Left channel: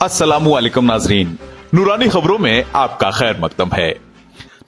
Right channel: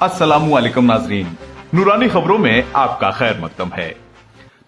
अस्सलामु अलैकुम नाजरीन, नूरानी खबरों में आपका खैर मकदम है।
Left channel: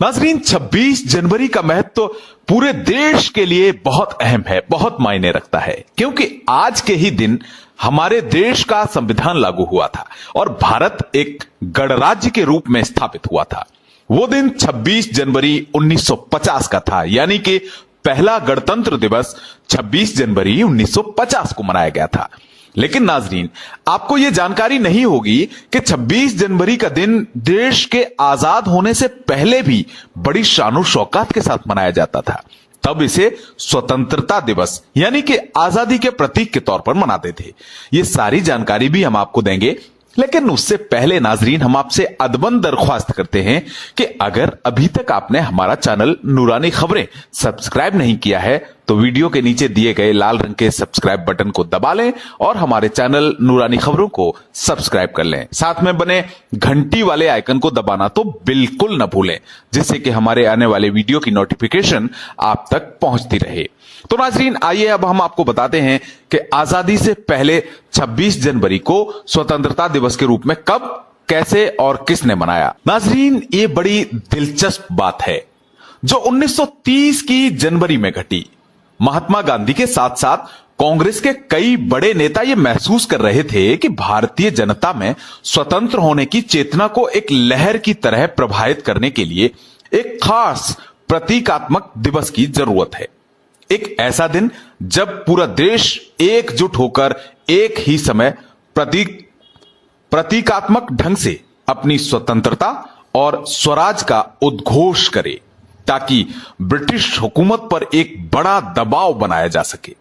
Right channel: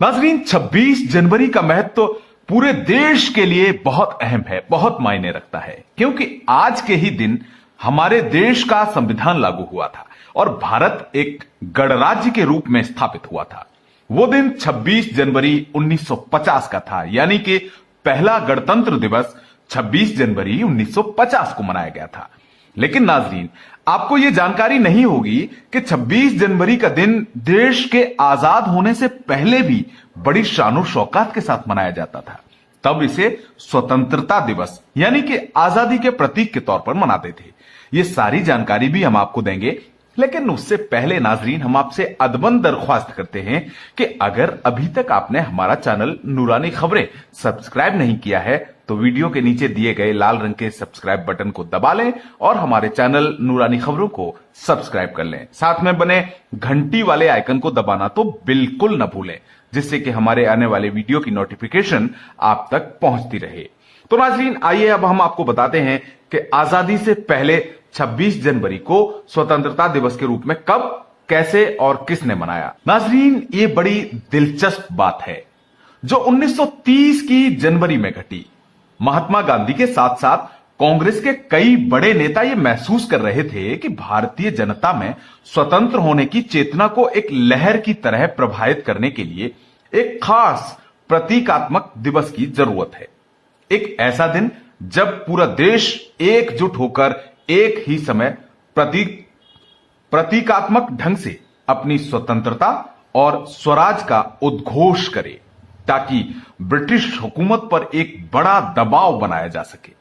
नाजरीन, 26 जनवरी का महत्व पूरे देश के लिए बहुत अहम है, बहुत मायने रखता है, क्योंकि आज के ही दिन हमारे देश का संविधान लागू हुआ था और भारत एक गणराज्य के रूप में स्थापित हुआ था। वो दिन 26 जनवरी 1950 का था, यानी कि पहला गणतंत्र दिवस 26 जनवरी 1950 को मनाया गया था। लेकिन नाजरीन, आपको यह जानकारी नहीं होगी कि 26 जनवरी का दिन देश के आजाद होने से पहले भी बड़ी शान शौकत के साथ मनाया जाता था। तब इसे स्वतंत्रता दिवस यानी कि आजादी के प्रतीक के तौर पर मनाते थे। यह सारी जानकारी भी हम आपको देंगे, लेकिन उससे पहले नाजरीन, हम आपसे अदबन दरख्वास्त करते हैं कि अगर अभी तक आपने हमारा चैनल नूरानी खबरें सब्सक्राइब नहीं किया है तो वीडियो के नीचे दिए गए लाल रंग के सब्सक्राइब बटन को दबा लें और हमारे चैनल नूरानी खबरों को सब्सक्राइब कर लें। साथ में बने घंटी वाले आइकन को दबाना तो बिल्कुल न भूलें, जिससे कि हमारे आने वाले वीडियो की नोटिफिकेशन आप तक पहुंचती रहे। तो नाजरीन, आइए अब हम आपको बताते हैं कि आजादी से पहले 26 जनवरी को स्वतंत्रता दिवस के रूप में कब, कैसे और किसने मनाया। नाजरीन, ये बड़ी दिलचस्प बात है जो 1930 की जनवरी में घटी। महात्मा गांधी के साथ साथ कांग्रेस के कई बड़े नेता ये महसूस कर रहे थे कि भारतीय जनता में स्वतंत्र होने की चेतना को एक लहर की तरह प्रभावित करने के लिए एक खास प्रतीकात्मक दिवस की जरूरत है। एक ऐसा दिन जब पूरा देश एकजुट होकर एक ही समय प्रतीकात्मक ढंग से अपनी स्वतंत्रता और स्वराज का उद्घोष करे, ताकि ब्रिटिश हुकूमत पर एक बड़ा दबाव बनाया जा सके।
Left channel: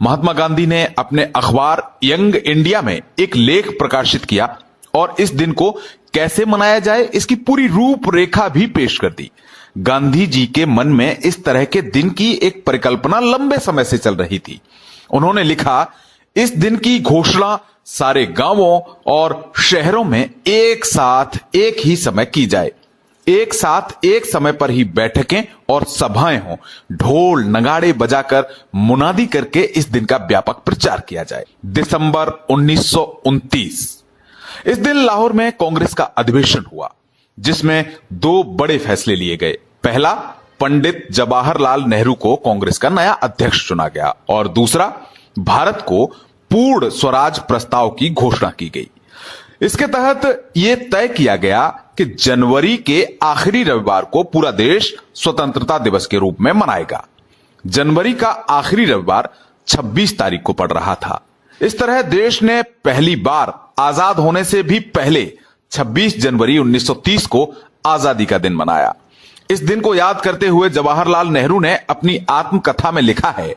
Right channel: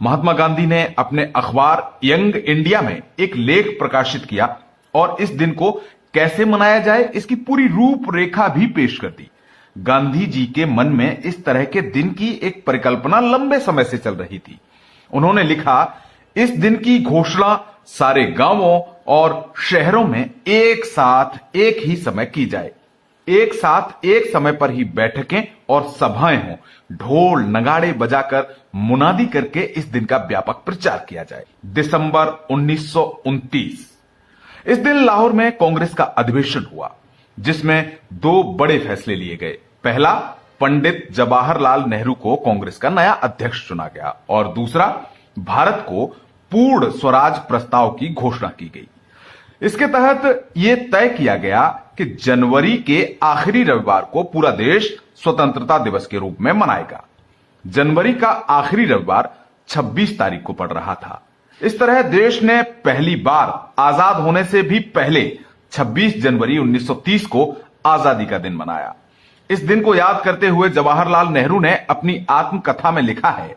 महात्मा गांधी ने अपने अखबार यंग इंडिया में एक लेख प्रकाशित किया और इस दिन को कैसे मनाया जाए इसकी पूरी रूपरेखा भी पेश कर दी। गांधी जी के मन में इस तरह के दिन की एक परिकल्पना लंबे समय से चल रही थी। उन्होंने लिखा, इस दिन की घोषणा सारे गांवों और शहरों में एक साथ एक ही समय की जाए। एक साथ एक समय पर ही बैठकें और सभाएं हों, ढोल नगाड़े बजाकर मुनादी करके इस दिन का व्यापक प्रचार किया जाए। दिसंबर 1929 इस दिन लाहौर में कांग्रेस का अधिवेशन हुआ, जिसमें दो बड़े फैसले लिए गए। पहला, पंडित जवाहरलाल नेहरू को कांग्रेस का नया अध्यक्ष चुना गया और दूसरा, भारत को पूर्ण स्वराज प्रस्ताव की घोषणा की गई। इसके तहत यह तय किया गया कि जनवरी के आखिरी रविवार को पूरा देश स्वतंत्रता दिवस के रूप में मनाएगा। जनवरी का आखिरी रविवार 26 तारीख को पड़ रहा था। इस तरह देश ने पहली बार आजाद होने से भी पहले 26 जनवरी 1930 को आजादी का दिन मनाया। इस दिन को याद करते हुए जवाहरलाल नेहरू ने अपनी आत्मकथा में लिखा है,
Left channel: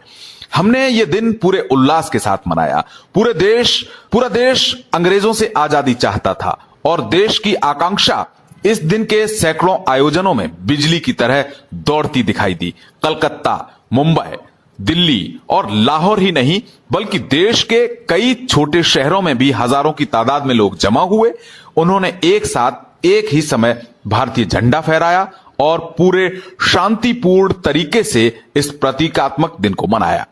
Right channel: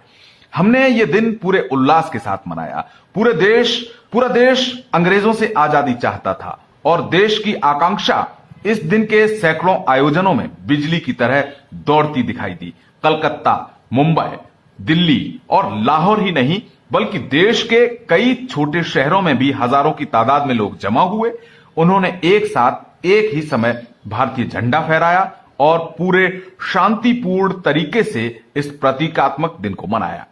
हमने ये दिन पूरे उल्लास के साथ मनाया। पूरा देश अंग्रेजों से आजादी चाहता था और देश की आकांक्षा इस दिन के सैकड़ों आयोजनों में बिजली की तरह दौड़ती दिखाई दी। कलकत्ता, मुंबई, दिल्ली और लाहौर ही नहीं, बल्कि देश के कई छोटे शहरों में भी हजारों की तादाद में लोग जमा हुए। उन्होंने एक साथ एक ही समय भारतीय झंडा फहराया और पूरे शांतिपूर्ण तरीके से इस प्रतीकात्मक दिन को मनाया।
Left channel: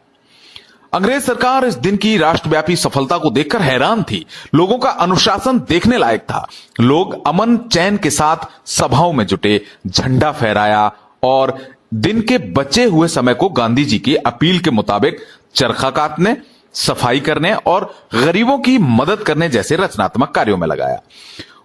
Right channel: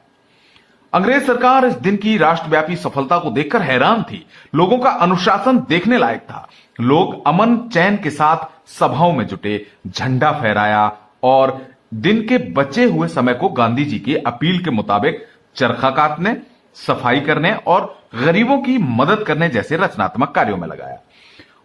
अंग्रेज सरकार इस दिन की राष्ट्रव्यापी सफलता को देखकर हैरान थी। लोगों का अनुशासन देखने लायक था। लोग अमन चैन के साथ सभाओं में जुटे, झंडा फहराया और दिन के बचे हुए समय को गांधी जी की अपील के मुताबिक चरखा काटने, सफाई करने और गरीबों की मदद करने जैसे रचनात्मक कार्यों में लगाया।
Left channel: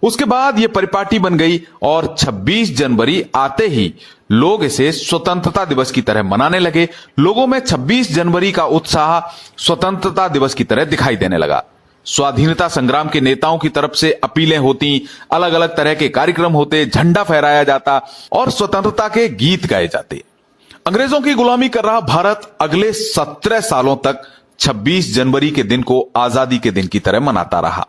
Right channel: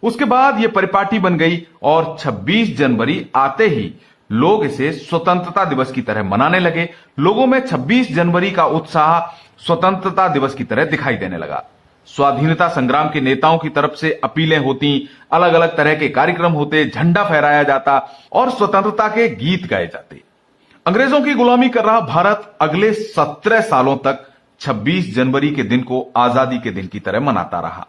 उसके बाद यह परिपाटी बन गई और 26 जनवरी आते ही लोग इसे स्वतंत्रता दिवस की तरह मनाने लगे। लोगों में 26 जनवरी का उत्साह स्वतंत्रता दिवस की तरह दिखाई देने लगा। स्वाधीनता संग्राम के नेताओं की तरफ से अपीलें होती, अलग अलग तरह के कार्यक्रम होते, झंडा फहराया जाता और स्वतंत्रता के गीत गाए जाते। अंग्रेजों की गुलामी कर रहा भारत अगले 17 सालों तक 26 जनवरी के दिन को आजादी के दिन की तरह मनाता रहा।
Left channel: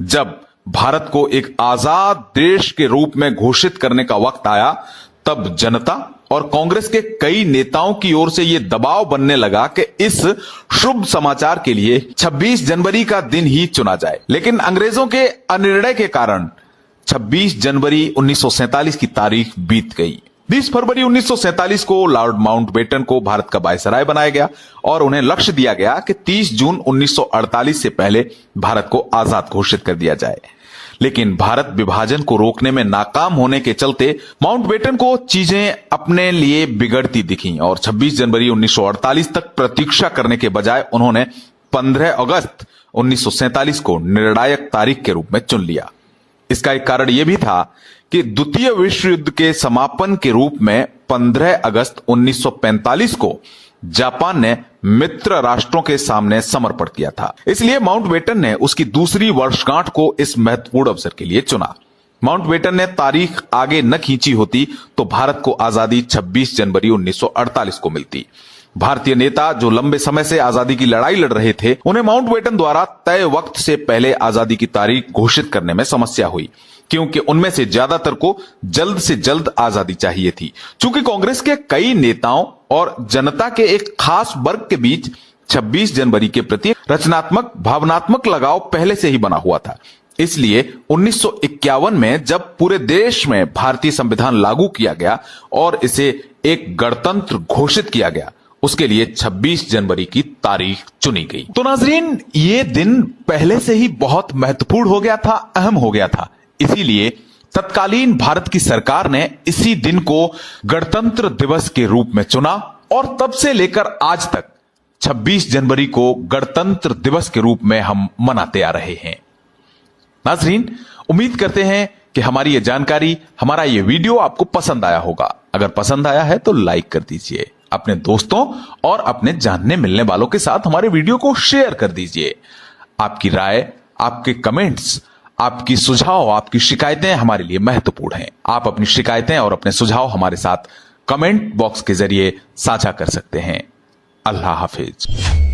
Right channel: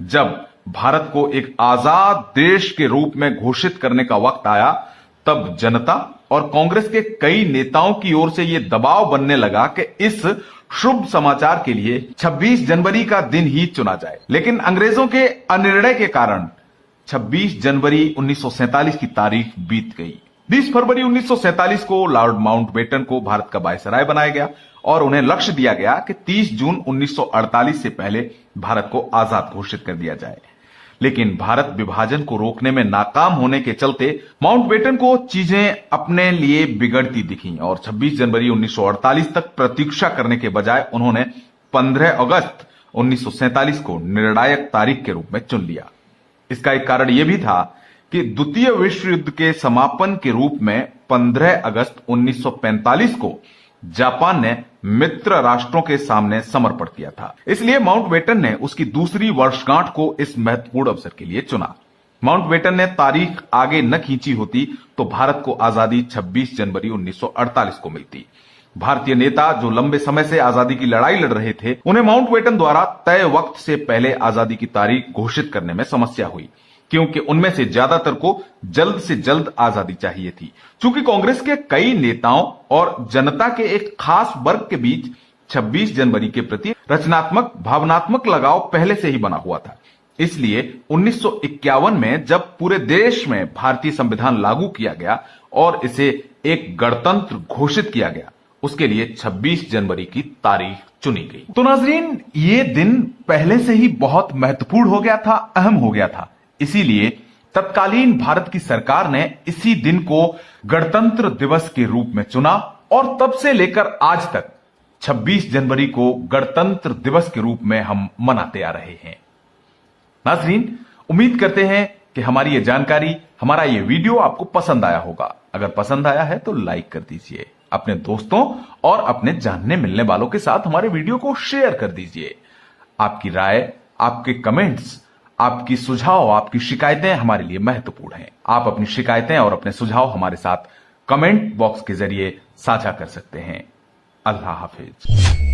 जब भारत को एक आजाद देश के रूप में घोषित करने का वक्त आया, तब जनता और कांग्रेस के कई नेताओं की ओर से यह दबाव बनने लगा कि इस शुभ समाचार के लिए 26 जनवरी का दिन ही चुना जाए। लेकिन अंग्रेजों के अनिर्णय के कारण 26 जनवरी 1947 की तारीख बीत गई। 20 फरवरी 1947 को लॉर्ड माउंटबेटन को भारत का वायसराय बनाया गया और उन्हें लक्ष्य दिया गया कि 30 जून 1948 से पहले भारत को आजाद घोषित कर दिया जाए। लेकिन भारत विभाजन को रोकने में नाकाम होने के चलते माउंटबेटन को चीजें अपने लिए बिगड़ती दिखी और 26 जनवरी 1948 तक प्रतीक्षा करने के बजाय उन्होंने 15 अगस्त 1947 को निर्णायक तारीख के रूप में चुन लिया। इसका एक कारण यह भी था कि द्वितीय विश्व युद्ध के समापन के रूप में 15 अगस्त 1945 को जापान ने मित्र राष्ट्रों के सामने समर्पण किया था। इसलिए माउंटबेटन ने उसकी दूसरी वर्षगांठ को इस महत्वपूर्ण अवसर के लिए चुना। माउंटबेटन ने तारीख आगे न खींची होती तो भारत को आजादी 26 जनवरी 1948 को मिलती। भारतीय नेता जो लंबे समय से आजादी की लड़ाई लड़ रहे थे, उन्हें माउंटबेटन द्वारा तय वक्त से पहले आजादी की तारीख घोषित करने में समस्या हुई, क्योंकि उनमें से ज्यादातर को जल्द से जल्द आजादी चाहिए थी। चूंकि कांग्रेस के कई नेताओं और जनता के एक खास वर्ग के बीच 26 जनवरी के प्रति रचनात्मक भावनात्मक लगाव पहले से ही बना हुआ था, इसलिए 1951 में जब पूरे देश में भारतीय संविधान लागू किया गया और इसे एक गणतंत्र घोषित किया गया, उसके लिए 26 जनवरी की तारीख चुनी गई। तो नाजरीन, ये दिन पहले से ही बहुत महत्वपूर्ण हो गया था, अहम हो गया था। इसीलिए तत्कालीन भारत की सरकार ने इसी दिन को गणतंत्र दिवस के रूप में चुना और तब से लेकर आज तक 26 जनवरी को गणतंत्र दिवस के रूप में हम मनाते आ रहे हैं। नाजरीन, उम्मीद करते हैं कि हमारी यह जानकारी, हमारा यह वीडियो आपको पसंद आया होगा। अगर पसंद आया है तो लाइक कर दीजिए, अपने दोस्तों और अपने जानने मिलने वालों के साथ हमारे वीडियो को शेयर कर दीजिए। आपकी राय, आपके कमेंट्स, आपकी सुझाव, आपकी शिकायतें हमारे लिए महत्वपूर्ण हैं। आप अपनी शिकायतें और अपने सुझाव हमारे साथ कमेंट बॉक्स के जरिए साझा कर सकते हैं। अल्लाह हाफिज।